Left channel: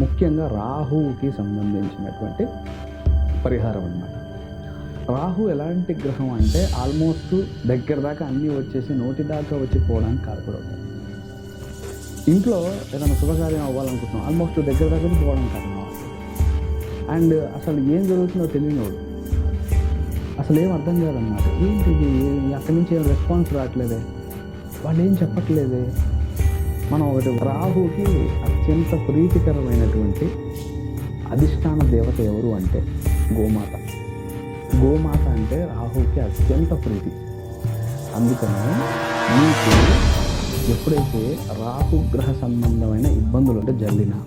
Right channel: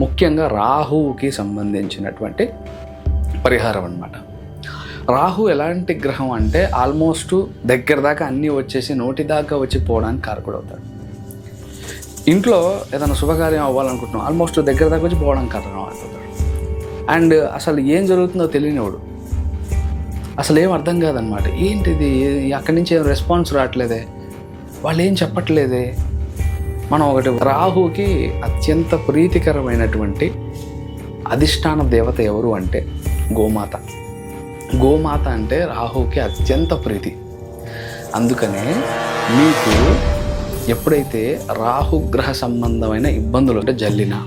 ముఖ్యంగా రాహువుకి సంబంధించినటువంటి పరిహారం అన్నమాట. రాహు ఎలాంటి గ్రహం అంటే ఆల్మోస్ట్ దగ్గర దాకా అన్నీ వచ్చేసి నోటి దాకా వచ్చి పోవడానికి కారకుడు అవుతాడు. ఇంట్లో ఏదైనా శుభకార్యం అవ్వాలనుకుంటున్నాం ఆల్మోస్ట్ దగ్గర దాకా వచ్చి పోవడానికి కారణం అవుతాడు అండ్ అసలు ఏం జరుగుతుందో తెలియనివాడు. అసలు ఏం అర్థం కాదనమాట ఏంటిది? అక్కడి నుంచి ఏం రెస్పాన్స్ రావట్లేదే? వాళ్ళు ఏం చెప్పట్లేదే? మనం ఒకటి రాహుకి అత్యంత ప్రీతికరమైనటువంటి అధిష్టాన దేవత ఎవరు అంటే గోమాత. గోమాత అంటే రాహుకి అత్యంత ప్రీతి. అందుకనే మీకు ఎప్పుడైతే రాహుగ్రహ సంబంధమైన ఇబ్బందులు అంటే జల్లినా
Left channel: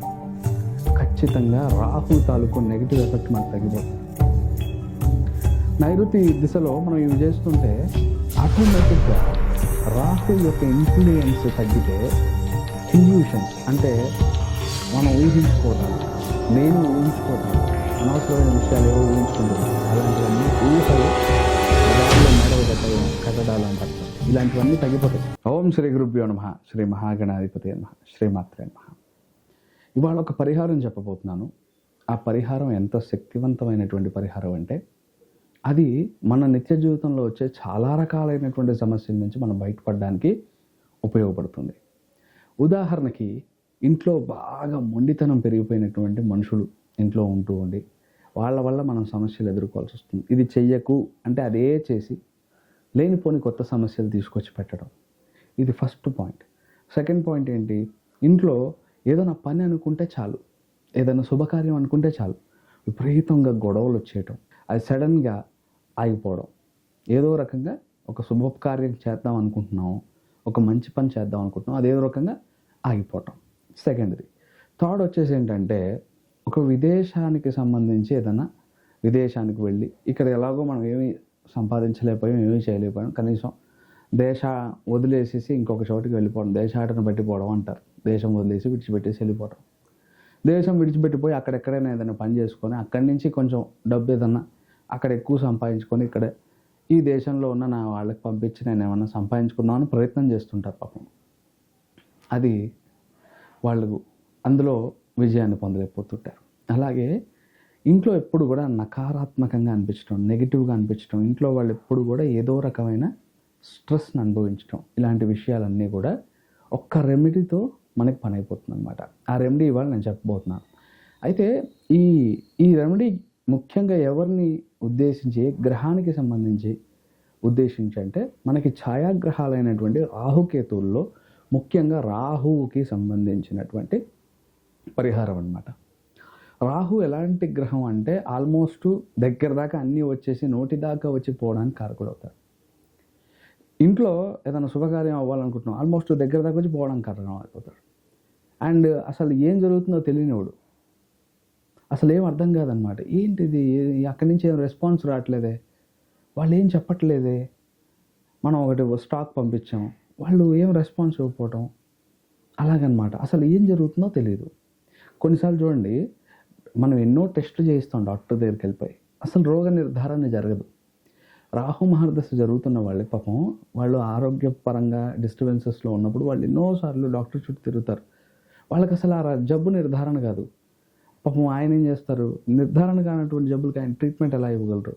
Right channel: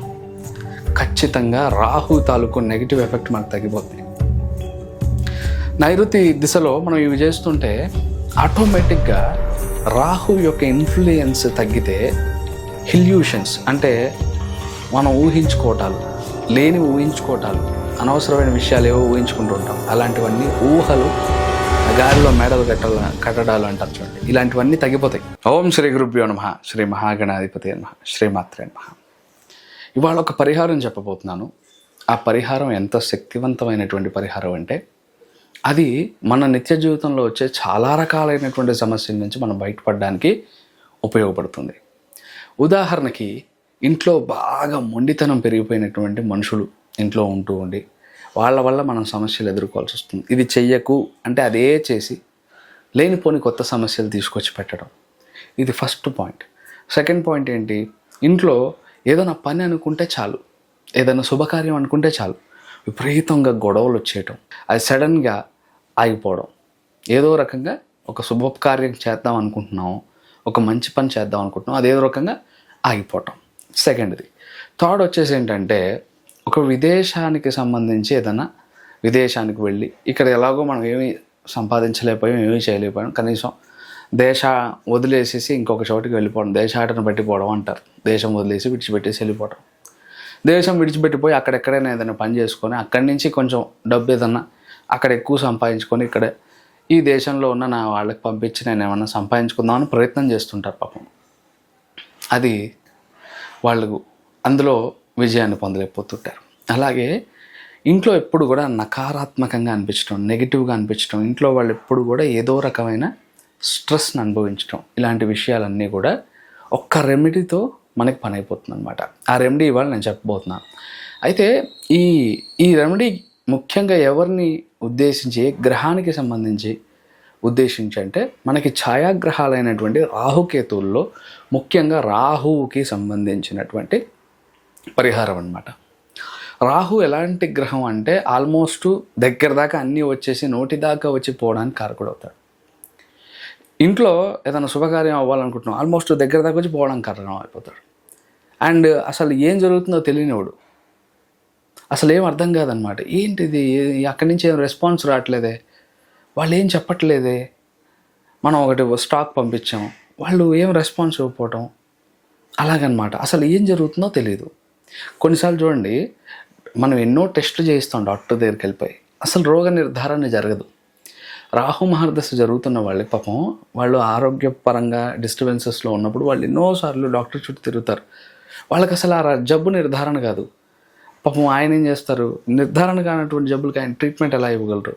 ఖచ్చితంగా రాహు తాలూకు నెగిటివ్ ఎఫెక్ట్ మనకు తగ్గిపోతుంది నైరుతి దిశలో మనం ఇవి చేస్తుంటే ఆటోమేటిక్గా రాహు యొక్క ఇన్ఫ్లుయెన్స్ తగ్గితే హిల్యూషన్స్ అంటే మనం ఊహించుకోవటాలు లేని ఊహించుకోవటాలు అనవసరమైన విషయాలు ఏవో ఊహించుకుంటూ ఉంటాం. అలాంటివన్నీ ఊహలు గాలిలో మేడలు కట్టాల కట్టడాలు అంటారు చూడండి. ఇలాంటివన్నీ తగ్గిపోతాయి. ఓం శ్రీ గురుభ్యో నమ. శ్రీ మహాగణాధిపతి నమ. శ్రీమాత్రే నమ. ఇవాళ ఒక పరిహారం చెప్పబోతున్నాను. ఆ పరిహారం ఎంత శక్తివంతమైనటువంటి పరిహారం అంటే అది మన నిత్య జీవితంలో వచ్చే చాలా రకాలైనటువంటి సమస్యల నుంచి మనం బయటపడడానికి ఉపయోగపడుతుంది. ఉదాహరణకి ఇంట్లో బాగా మొండితనం పెరిగిపోయినటువంటి మనుషులు ఇంట్లో ఉంటూ ఉండి వాళ్ళ వల్ల మనం సమస్యలు ఎదుర్కోవాల్సి వస్తుంది. ఇది చెయ్యకు అంటే అదే చేసి లేనిపోని కొత్త సమస్యలు తీసుకొచ్చి పెట్టడం. ఇది ఫస్ట్ పాయింట్. సెకండ్ పాయింట్ ఏంటి? ఇంట్లో ఏదైనా పని అనుకుంటే చాలు. ఏదైనా శుభకార్యం అనుకుంటే చాలు. విపరీతంగా గొడవలు వచ్చేయటం. అది సడన్గా ఆగిపోవడం. ఏదో రకంగా ఒక శుభకార్యం చేద్దాం అనుకుంటున్నాము. ఒక మంచి పని చేద్దాం అనుకుంటున్నాం అది ఏదో రకంగా ఆగిపోవటం. సెకండ్ది. థర్డ్ వచ్చేసి ఏంటంటే ఒక విదేశానికి సంబంధించి ఏదైనా విదేశానికి వెళ్ళి ఇక్కడ ఎలాగో మనం ఏమీ సంపాదించలేకపోయాం ఏమీ చేయలేకపోయాం కనీసం దేశ వదిలేసేసి ఇంకొక చోటికి వెళ్ళిపోవడం దేశాటను పెట్టిపోవడం అంటారు. దేశం వదిలేసి విడిచిపెట్టేసి వెళ్ళిపోవడం దేశం విడిచిపెట్టిపోయి అక్కడెక్కడైనా ఏదైనా పని చేసుకొని అక్కడి నుంచి కొంచెం డబ్బు ఏదన్నా అక్కడ ఎక్కువ సంపాదించుకొని ఇక్కడ ఈ దేశంలో ఉన్న నా వాళ్ళకి పంపించి నేను ఏమన్నా సంపాదించుకుందామని ప్రయత్నం చేస్తుంటారు పాపం. అది వాళ్ళు అందులో విజయాన్ని పొందలేకపోతుంటారు. అలాగే ఇంట్లో ఎప్పుడు కూడా నకారాత్మకంగా అనిపించడం నెగిటివ్గా అనిపించడం ఇంట్లో వాళ్ళు ఎప్పుడు కూడా ఏదో రకమైన స్ట్రెస్ని అనుభవించడం ఇలాంటి విషయాలన్నీ కూడా ఒక్క రెమెడీతో మనకి పని అయిపోతుంది అనమాట ఆ రెమెడీ ఇవాళ నేను చెప్పబోతున్నాను అయితే ఈ ఈ రెమెడీ ముఖ్యంగా ఎవరిని ఉద్దేశించి ఏ గ్రహానికి సంబంధించి ఉద్దేశించి అంటే మనకి ఛాయాగ్రహాలైనటువంటి రాహుకేతువుల్లో ముఖ్యంగా రాహువుకి సంబంధించినటువంటి పరిహారం అన్నమాట. రాహు ఎలాంటి గ్రహం అంటే ఆల్మోస్ట్ దగ్గర దాకా అన్నీ వచ్చేసి నోటి దాకా వచ్చి పోవడానికి కారకుడు అవుతాడు. ఇంట్లో ఏదైనా శుభకార్యం అవ్వాలనుకుంటున్నాం ఆల్మోస్ట్ దగ్గర దాకా వచ్చి పోవడానికి కారణం అయిపోతాడు. అండ్ అసలు ఏం జరుగుతుందో తెలియనివాడు. అసలు ఏం అర్థం కాదనమాట. ఏంటిది? అక్కడి నుంచి ఏం రెస్పాన్స్ రావట్లేదే? వాళ్ళు ఏం చెప్పట్లేదే? మనం ఒకటి స్టాక్ పంపించాం వాళ్ళు ఏం రెస్పాన్స్ ఇవ్వకపోవటం? అలాగనమాట. అసలు ఏం జరుగుతుందో తెలియదు కొన్నిసార్లు చూడండి మనం ఎన్నో టెస్టులు చేయిస్తాం డాక్టర్ దగ్గరికి వెళ్ళిపోయి. అసలు రోగ నిర్ధారణ జరగదు. రాహు మహర్దశ జరుగుతున్న వాళ్ళకి పాపం. వాళ్ళు ఆరోగ్యపరంగా డిస్టర్బెన్సెస్లో ఉన్నప్పుడు వాళ్ళు ఎన్నోసార్లు డాక్టర్ చుట్టూ తిరుగుతారు. వాళ్ళకి అసలు ఆ ర- జబ్బు నిర్ధారణ కాదు. పాపం ఆయన ఏం చేస్తారు? నిర్ధారణ కానటువంటి జబ్బులకి ఆయన ట్రీట్మెంట్ ఎలా ఇవ్వగలరు?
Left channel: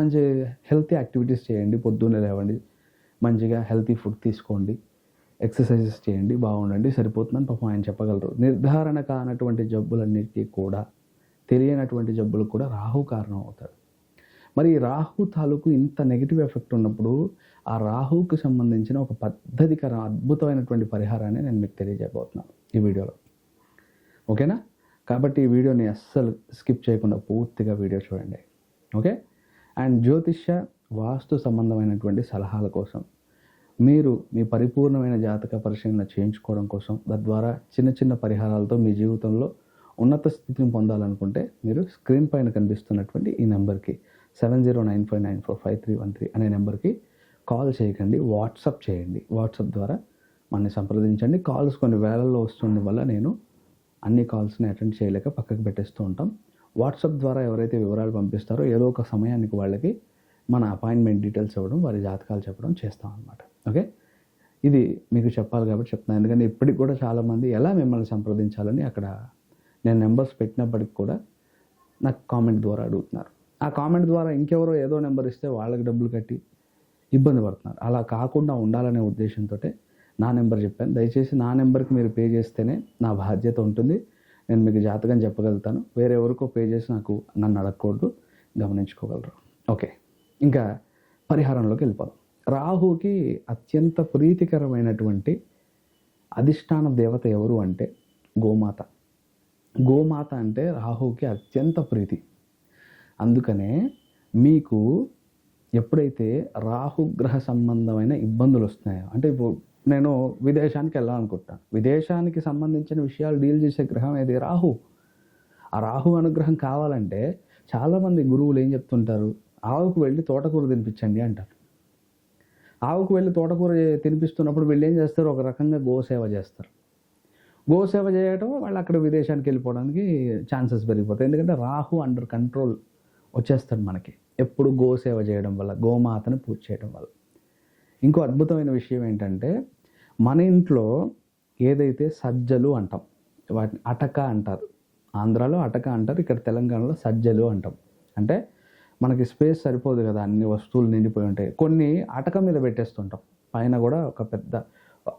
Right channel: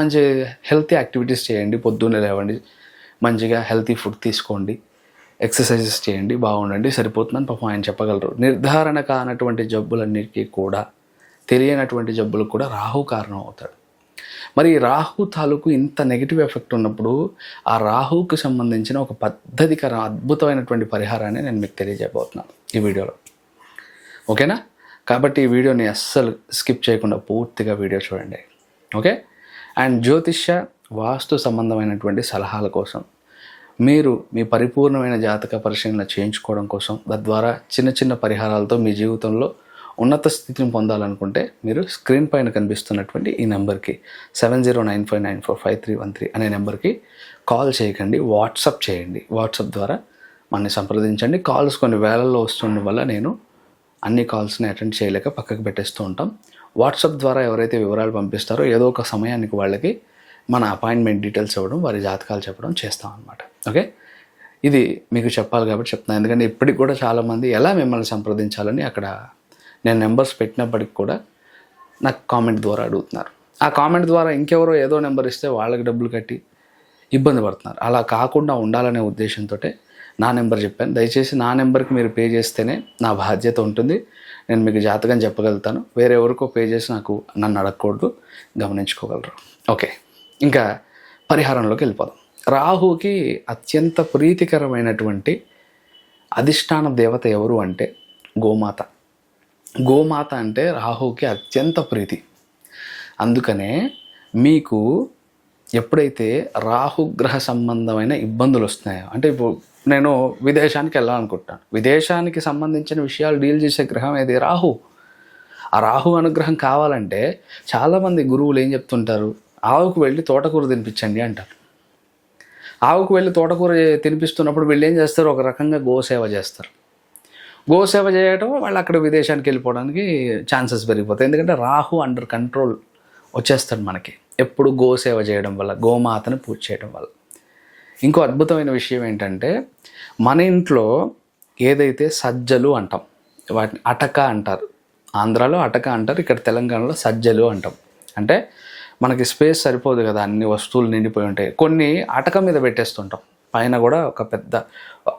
మంచి హెల్తీ యాక్టివిటీస్ చేయండి. పొద్దున్నే లేవండి. మంచిగా హెల్తీ ఫుడ్ తీసుకోండి. ఎక్సర్సైజెస్ చేయండి. బాగుండండి. సరిపోతుందని పాపం ఆయన చెప్పగలరు. నిర్ధారణ కానటువంటి జబ్బులన్నిటికీ కూడా తెలియనటువంటి జబ్బులకు కూడా రాహు కారణం అవుతాడు. మరి రాహు తాలూకు ఇంత నెగిటివ్ ఎఫెక్ట్ ఉన్నప్పుడు ఆ రాహుకు సంబంధించిన ఒక పద్ధతికర అద్భుతమైనటువంటి పరిహారాన్ని నేను మీకు తెలియజేయబోతున్నాను ఈ వీడియోలో. ఓకేనా? కాబట్టి ఈ వీడియోని అస్సలు స్కిప్ చేయకుండా పూర్తిగా వీడియో చూడండి. ఓకే? అండ్ జ్యోతిష్య వాస్తు సంబంధమైనటువంటి సలహాల కోసం మీరు మీ పరిపూర్ణమైన జాతక పరిశీలన చేయించుకోవడం కోసం తద్వారా చిన్న చిన్న పరిహారాలతో మీ జీవితంలో ఉన్నత స్థితిని పొందాలనుకుంటే మీరు స్క్రీన్ పైన కనిపిస్తున్నటువంటి ఈ నెంబర్కి seven zero nine five nine four five three one three అనే నెంబర్కి కాల్ చేయకండి వాట్సప్ చేయండి. వాట్సప్ ద్వారా మనని సంప్రదించండి. కాల్స్ కొన్ని వేలల్లో వస్తుండడం వల్ల నేను అన్ని కాల్స్ని అటెండ్ చేయలేక పక్కకు పెట్టేస్తూ ఉంటాం. వాట్సాప్ ద్వారా ఎవరైతే వివరాలు పంపిస్తారో ఏదో ఒక సమయానికి వాళ్ళకి మన అపాయింట్మెంట్ డీటెయిల్స్ ఇవ్వడం వారి జాతకాలు చెప్పడం చేస్తాం అనమాట ఓకే? ఇది మీకు చెప్పాలి కాబట్టి చెప్తున్నాను ఎందుకంటే ఇప్పటికి కూడా చాలామంది ఎలా మిమ్మల్ని సంప్రదించాలని అక్కడ నేను నెంబర్స్ పెట్టినప్పటికి కూడా నాకు కామెంట్ ద్వారా అడుగుతున్నారు. ఆ కామెంట్ ద్వారా ఇంకెవరో ఏదో నెంబర్ ఇస్తే వాళ్ళకి డబ్బులు కట్టి ఇబ్బంది పడుతున్నారు. అలా కాకుండా ఉండాలనే ఉద్దేశంతో నా నెంబర్ చెప్పాను. దయచేసి నా నెంబర్కి మీరు పే చేస్తేనే నా బాధ్యత ఉంటుంది. నేను మీకు జాతకం చెప్పగలుగుతాను. వేరే ఎవరికో పే చేసి నాకు నన్ను అడగకూడదు. గమనించుకోగలరు. ఓకే. ఇంకా పరిహారంలోకి వెళ్ళిపోదాం. రాహుకి అత్యంత ప్రీతికరమైనటువంటి అధిష్టాన దేవత ఎవరు అంటే గోమాత. గోమాత అంటే రాహుకి అత్యంత ప్రీతి. అందుకనే మీకు ఎప్పుడైతే రాహుగ్రహ సంబంధమైన ఇబ్బందులు వస్తున్నాయో అంటే ఇప్పుడు నేను విదేశానికి వెళ్ళాలనుకుంటాను విదేశానికి సంబంధించిన విషయాలు డీల్ చేసే గ్రహం ఏది? రాహు. ఆ రాహు అనుగ్రహం కావాలంటే చాలామంది గురువులు ఏం చెప్తుంటారు? ఆవుకు వెళ్ళి తోటకూర తినిపించండి అంటారు. ఆవుకు వెళ్ళి తోటకూర తినిపిస్తున్నప్పుడు వీళ్ళు ఏం చేస్తారు? ఒక రకంగా గోసేవ చేస్తారు. గోసేవ చేయటం వాళ్ళు అక్కడ విదేశానికి వెళ్ళిపోవడానికి ఛాన్సెస్ పెరిగిపోతాయి. ఎందుకంటే రాహు అండర్ కంట్రోల్ వచ్చేస్తాడు మనకి. ఎప్పుడు గోసేవ చేయడం వల్ల గోమాతను పూజ చేయడం వల్ల. ఇంకో అద్భుతమైన విషయం ఏంటంటే మన ఇంట్లో ఏదైతే సజ్జలు అంటాం వాటిని అటక అంటారు ఆంధ్రాలో అటక అంటారు ఇక్కడ తెలంగాణలో సజ్జలు అంటాం. అంటే మనకి స్పేస్ సరిపోదు కదా అన్ని వస్తువులు నిండిపోయి ఉంటాయి. కొన్ని అటక మీద పెట్టేస్తుంటాం. పైన కూడా ఒక పెద్ద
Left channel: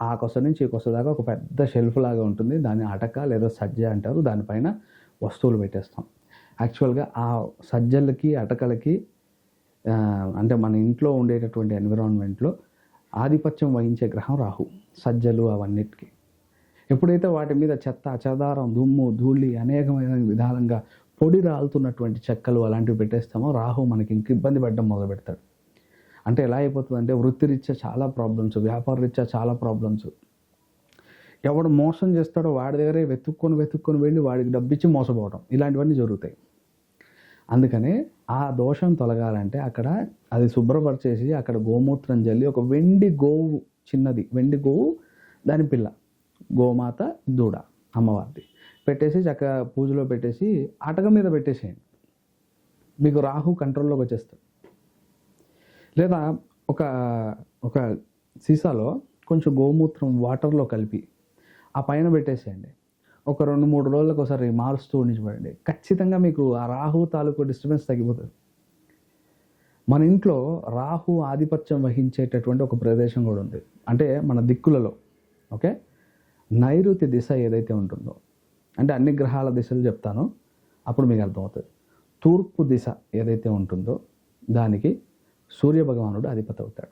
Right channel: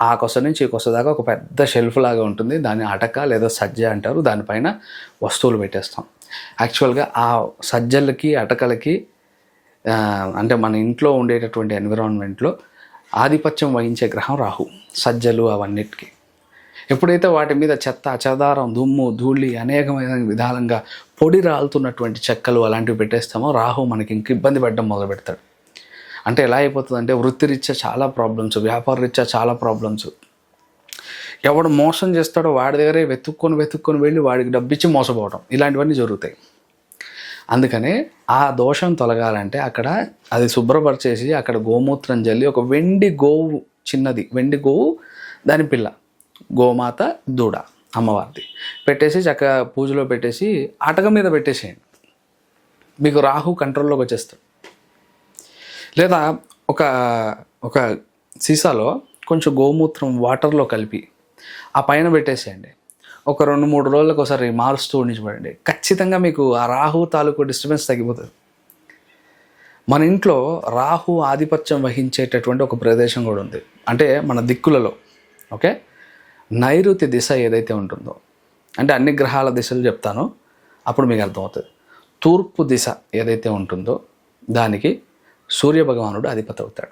ఆ కొస నుంచి ఈ కొస దాకా ఒక పెద్ద షెల్ఫ్ లాగా ఉంటుంది. దాన్ని అటక లేదా సజ్జ అంటారు. దానిపైన వస్తువులు పెట్టేస్తాం. యాక్చువల్గా ఆ సజ్జలకి అటకలకి అంటే మన ఇంట్లో ఉండేటటువంటి ఎన్విరాన్మెంట్లో ఆధిపత్యం వహించే గ్రహం రాహు సజ్జలు అవన్నిటికీ. ఎప్పుడైతే వాటి మీద చెత్త చెదారం దుమ్ము ధూళి అనేకమైన విధాలంగా పొడి రాలుతున్నటువంటి చెక్కలు అలాంటివి పెట్టేస్తామో రాహు మనకి ఇంక ఇబ్బంది పెట్టడం మొదలు పెడతాడు అంటే ఎలా అయిపోతుంది అంటే వృత్తిరీత్యా చాలా ప్రాబ్లమ్స్ వ్యాపార రీత్యా చాలా ప్రాబ్లమ్స్ ఎవడు మోసం చేస్తాడో వాడి దగ్గరే వెతుక్కొని వెతుక్కొని వెళ్ళి వాడికి డబ్బిచ్చి మోసపోవడం ఇలాంటివన్నీ జరుగుతాయి. అందుకనే ఆ దోషం తొలగాలంటే అక్కడ అది శుభ్రపరిచేసి అక్కడ గోమూత్రం జల్లి ఒక వెండి గోవు చిన్నది వెండి గోవు దాని పిల్ల గోమాత దూడ అమ్మవారిది. పెట్టేసి చక్కగా పూజలో పెట్టేసి అటక మీద పెట్టేసేయండి. మీకు రాహు కంట్రోల్లోకి వచ్చేస్తాడు. లేదా ఒక ఒక సీసాలో కొంచెం గోమూత్రం వాటర్లో కలిపి ఆ పైన పెట్టేసేయండి. ఒక రెండు మూడు రోజులకు ఒకసారి మారుస్తూ ఉండించబడండి ఖచ్చితంగా మీకు ఆ రాహు తాలూకు డిస్టర్బెన్స్ తగ్గిపోతుంది. మన ఇంట్లో రాహు ఆధిపత్యం వహించేటటువంటి ఒక ప్రదేశం కూడా ఉంది. అంటే మన దిక్కులలో ఓకే? నైరుతి దిశ ఏదైతే ఉంటుందో అంటే అన్ని గ్రహాల దిశలు చెప్తానో అప్పుడు మీకు అర్థమవుతుంది. తూర్పు దిశ ఏదైతే ఉంటుందో దానికి సూర్య భగవానుడు అధిపతి అవుతాడు.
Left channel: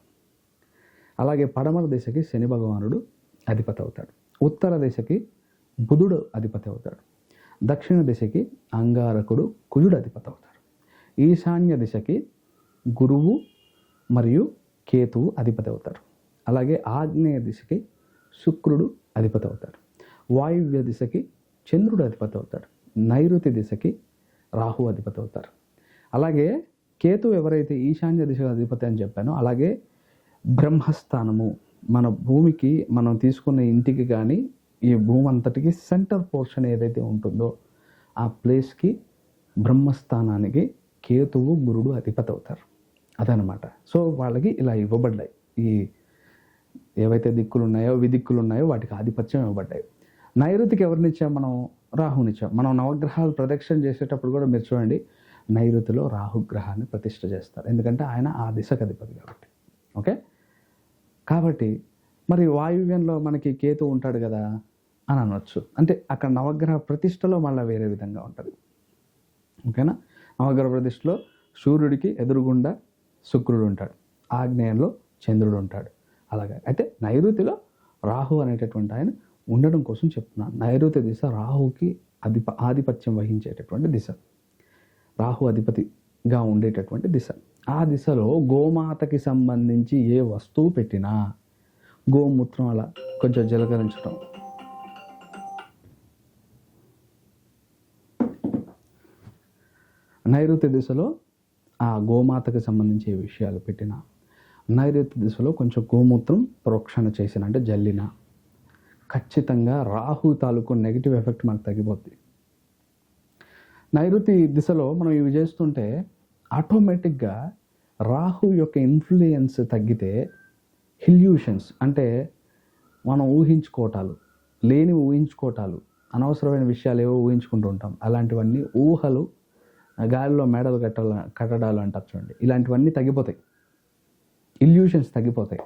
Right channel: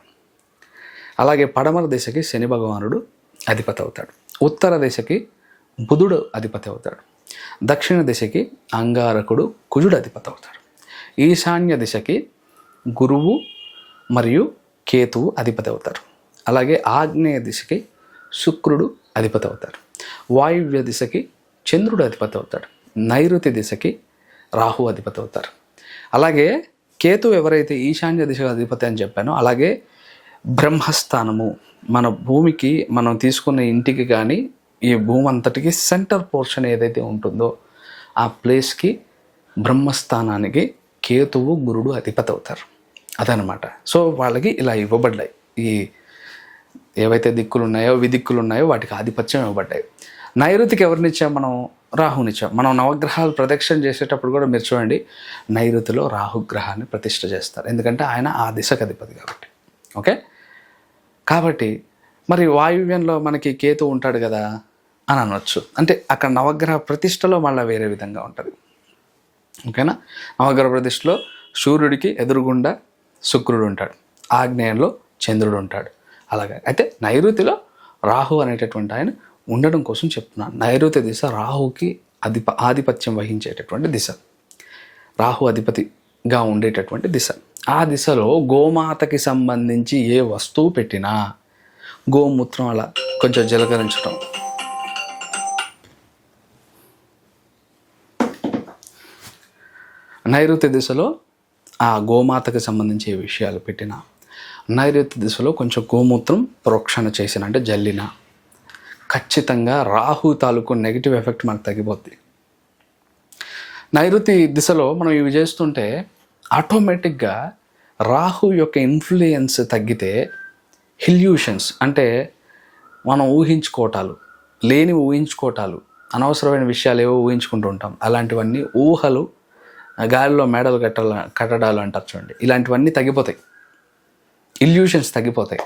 అలాగే పడమర దిశకి శని భగవానుడు అధిపతి అవుతాడు. ఉత్తర దిశకి బుధుడు అధిపతి అవుతాడు. దక్షిణ దిశకి అంగారకుడు కుజుడు అధిపతి అవుతాడు. ఈశాన్య దిశకి గురువు మరియు కేతువు అధిపతి అవుతారు. అలాగే ఆగ్నేయ దిశకి శుక్రుడు అధిపతి అవుతాడు వాయువ్య దిశకి చంద్రుడు అధిపతి అవుతాడు. నైరుతి దిశకి రాహు అధిపతి అవుతారు. అలాగే కేతు ఎవరైతే ఈశాన్య దిశ అధిపతి అని చెప్పానో అలాగే బ్రహ్మస్థానము మన భూమికి మనం తీసుకున్న ఇంటికి కానీ ఈ భూమి అంతటికి సెంటర్ పోర్షన్ ఏదైతే ఉంటుందో ఆ ప్లేస్కి బ్రహ్మస్థానానికి కేతువు గురుడు అధిపతి అవుతారు. అదనమాట సో వాళ్ళకి ఇలా ఇవ్వబడ్డాయి. ఈ ఏవైతే దిక్కులు ఉన్నాయో విదిక్కులు ఉన్నాయో వాటికి ఆధిపత్యం ఇవ్వబడ్డాయి. నైరుతికి ఎవరినిచ్చాం మనం? రాహునిచ్చాం మనం నవగ్రహాలు ప్రదక్షిణ చేసేటప్పుడు కూడా మీరు చూడండి నైరుతిలో రాహుగ్రహాన్ని ప్రతిష్ట చేస్తారు. ఎందుకంటే ఆయన ఆ దిశకు అధిపతి కాబట్టి. ఓకే? కాబట్టి మరి వాయువ్యంలో మనకి కేతు ఉంటాడు కదా అని అనొచ్చు. అంటే అక్కడ నవగ్రహ ప్రతిష్టలో మళ్ళీ వేరే విధంగా ఉంటుంది. ఓకేనా? నవగ్రహ ప్రతిష్టలో సూర్యుడికి ఎదురుగుండా శుక్రుడు ఉంటాడు. ఆగ్నేయంలో చంద్రుడు ఉంటాడు. అలాగే అయితే నైరుతిలో రాహు అనేటటువంటి ఆయన ఉండడం కోసం చెప్తున్నాను. నైరుతి దిశ రాహుకి అధిప ఆధిపత్యం వహించేటటువంటి దిశ. రాహు అధిపతిగా ఉండేటటువంటి దిశ. ఆ దిశలో గోమాతకి సంబంధించి ఏ వస్తువు పెట్టినా గోమూత్రం అలా కొంచెం జలకరించడం నైరుతి దిశలో ఆ గోమాతకు సంబంధించి విషయాలు పెట్టిన నైరుతి దిశలో కొంచెం గోమూత్రం ప్రోక్షణ చేసిన అంటే జల్లిన. ఖచ్చితంగా రాహు తాలూకు నెగిటివ్ ఎఫెక్ట్ మనకు తగ్గిపోద్ది. నైరుతి దిశలో మనం ఇవి చేస్తుంటే ఆటోమేటిక్గా రాహు యొక్క ఇన్ఫ్లుయెన్స్ తగ్గితే హిల్యూషన్స్ అంటే మనం ఊహించుకోవటాలు లేని ఊహించుకోవటాలు అనవసరమైన విషయాలు ఏవో ఊహించుకుంటూ ఉంటాం. అలాంటివన్నీ ఊహలు గాలిలో మేడలు కట్టాల కట్టడాలు అంటారు చూడండి. ఇలాంటివన్నీ తగ్గిపోతాయి. ఇల్యూషన్స్ తగ్గిపోతాయి.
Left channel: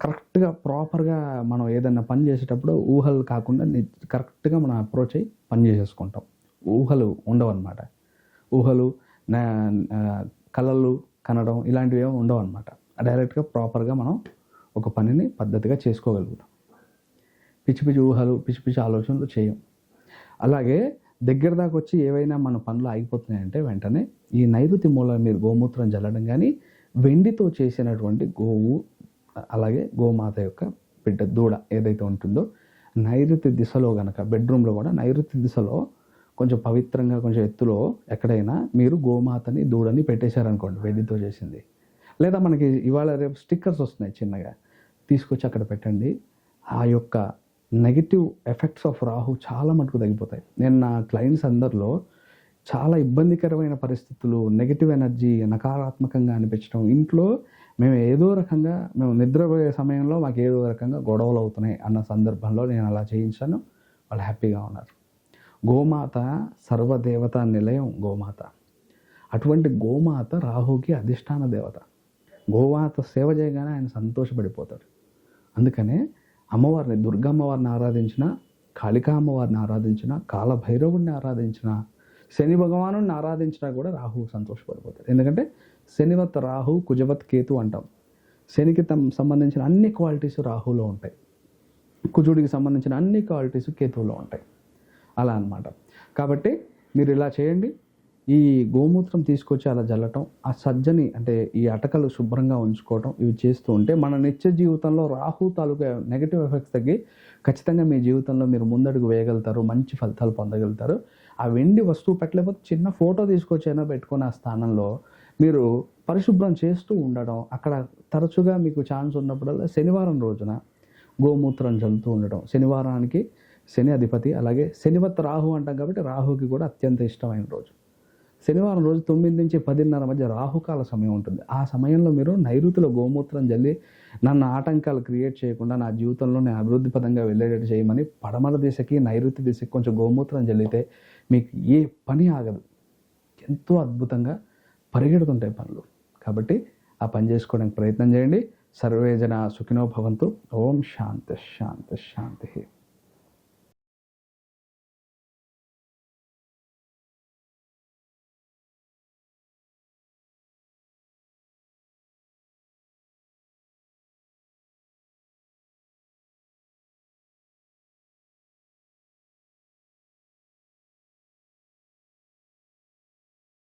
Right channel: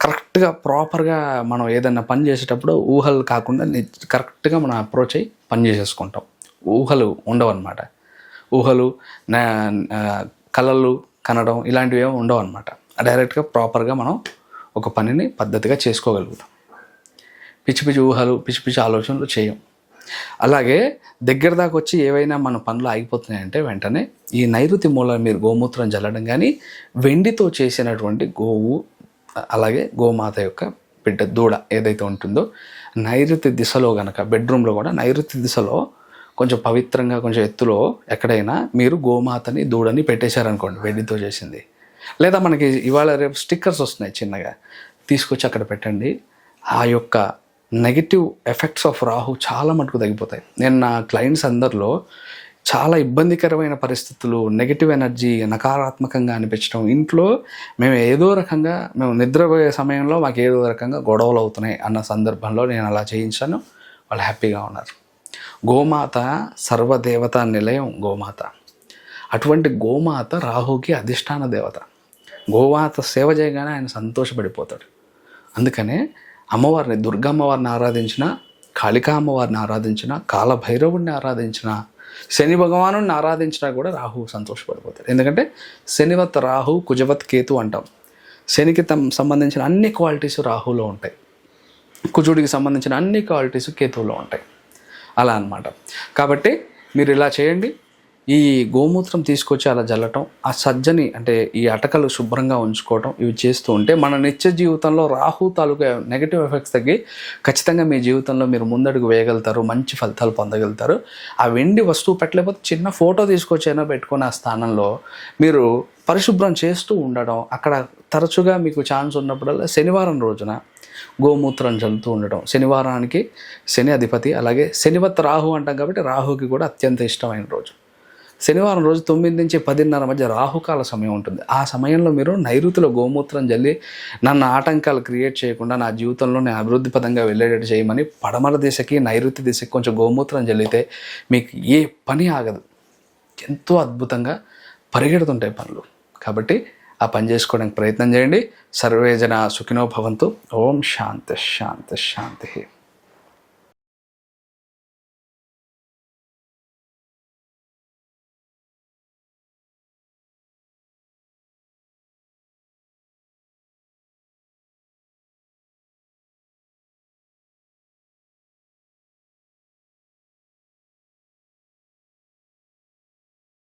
కరెక్ట్గా ప్రాపర్గా మనం ఏదైనా పని చేసేటప్పుడు ఊహలు కాకుండా కరెక్ట్గా మనం అప్రోచ్ అయ్యి పని చేసేసుకుంటాం. ఊహలు ఉండవన్నమాట. ఊహలు కళలు కనడం ఇలాంటివి ఏమి ఉండవు అనమాట డైరెక్ట్గా ప్రాపర్గా మనం ఒక పనిని పద్ధతిగా చేసుకోగలుగుతాం. పిచ్చి పిచ్చి ఊహలు పిచ్చి పిచ్చి ఆలోచనలు చేయం. అలాగే దగ్గర దాకా వచ్చి ఏవైనా మన పనులు ఆగిపోతున్నాయంటే వెంటనే ఈ నైరుతి మూల మీరు గోమూత్రం జల్లడం కానీ వెండితో చేసినటువంటి గోవు అలాగే గోమాత యొక్క బిడ్డ దూడ ఏదైతే ఉంటుందో నైరుతి దిశలో కనుక బెడ్రూమ్లో కూడా నైరుతి దిశలో కొంచెం పవిత్రంగా కొంచెం ఎత్తులో ఎక్కడైనా మీరు గోమాతని దూడని పెట్టేశారనుకోండి వెండితో చేసింది. లేదా మనకి ఇవాళ రేపు స్టిక్కర్స్ వస్తున్నాయి చిన్నగా తీసుకొచ్చి అక్కడ పెట్టండి. ఆ యొక్క నెగిటివ్ ఎఫెక్ట్స్ ఆఫ్ రాహు చాలా మటుకు తగ్గిపోతాయి. నేను నా క్లయింట్స్ అందరిలో చాలా ఇబ్బందికరమైన పరిస్థితులు నెగిటివ్ ఎనర్జీ నకారాత్మకంగా అనిపించడం ఇంట్లో మేము ఏదో రకంగా మేము నిద్రపోయే సమయంలో మాకు ఏదో రకంగా గొడవలు అవుతున్నాయి అన్న సందర్భంలో నేను అలా చేయించాను. వాళ్ళు హ్యాపీగా ఉన్నారు. గోమాత సర్వదేవత నిలయం గోమాత. అటువంటి గోమాత రాహుకి అధిష్టాన దేవత. గోమాత సేవ చేయగానే ఆయన సంతోషపడిపోతాడు. అందుకనే అమ్మవారిని దుర్గమ్మవారిని ఆరాధించిన కాళికా అమ్మవారిని ఆరాధించిన కాలభైరవుడిని ఆరాధించిన శని భగవాను ఆరాధించినా కూడా రాహు సంతోషపడిపోతాడు. ఎందుకంటే శనివత్ రాహు కుజవత్ కేతు అంటాం. శనికి తమ సంబంధించిన అన్ని క్వాలిటీస్ రాహులో ఉంటాయి. కుజుడికి సంబంధించిన అన్ని క్వాలిటీస్ కేతువులో ఉంటాయి. అలా అనమాట కాబట్టి మీరు ఇలా చేయండి. ఈ గోమూత్రం తీసుకొచ్చి అలా జల్లటం ఆ సజ్జని అంటే ఈ అటకలు శుభ్రంగా ఉంచుకోవటం ఇవి చేస్తూ ఉంటే మన నిత్య జీవితంలో రాహు తాలూకా నెగిటివ్ ఎఫెక్ట్స్ తగ్గి ఖచ్చితంగా మీ జీవితంలో మీరు ముందడుగు వేయగలుగుతారు మంచి ఫలితాలు పొందగలుగుతారు. ఆ వెండి వస్తువు పెట్టలేకపోతే చిన్న ఫోటో తీసుకొచ్చైనా పెట్టుకొని ఆ స్థానంలో మీరు పరిశుభ్రం చేస్తూ ఉండడం అక్కడ తరచుగా మీకు ఛాన్స్ ఉన్నప్పుడల్లా శనివారం రోజున గోమూత్రం చల్లుతూ ఉండటం. శనివారానికి శని అధిపతి అలాగే శనివత్ రాహు అంటాం కాబట్టి రాహుకి కూడా అత్యంత ఇష్టమైన రోజు. శనివారం రోజు తొమ్మిది నుంచి పదిన్నర మధ్య రాహుకాల సమయం ఉంటుంది. ఆ సమయంలో మీరు నైరుతిలో గోమూత్రం జల్లి నన్ను ఆటంకాలు క్రియేట్ చేయకుండా నా జీవితంలో నేను అభివృద్ధి పదంగా వెళ్ళేటట్టు చేయమని పడమర దిశకి నైరుతి దిశకి కొంచెం గోమూత్రం జల్లితే మీకు ఏ పని ఆగదు. ఎంతో అద్భుతంగా పరిగెడుతుంటాయి పనులు. కాబట్టి ఆ పని చేసుకోవడానికి ప్రయత్నం చేయండి. సర్వేజన సుఖినో భవంతు. ఓం శాంతి శాంతి శాంతి.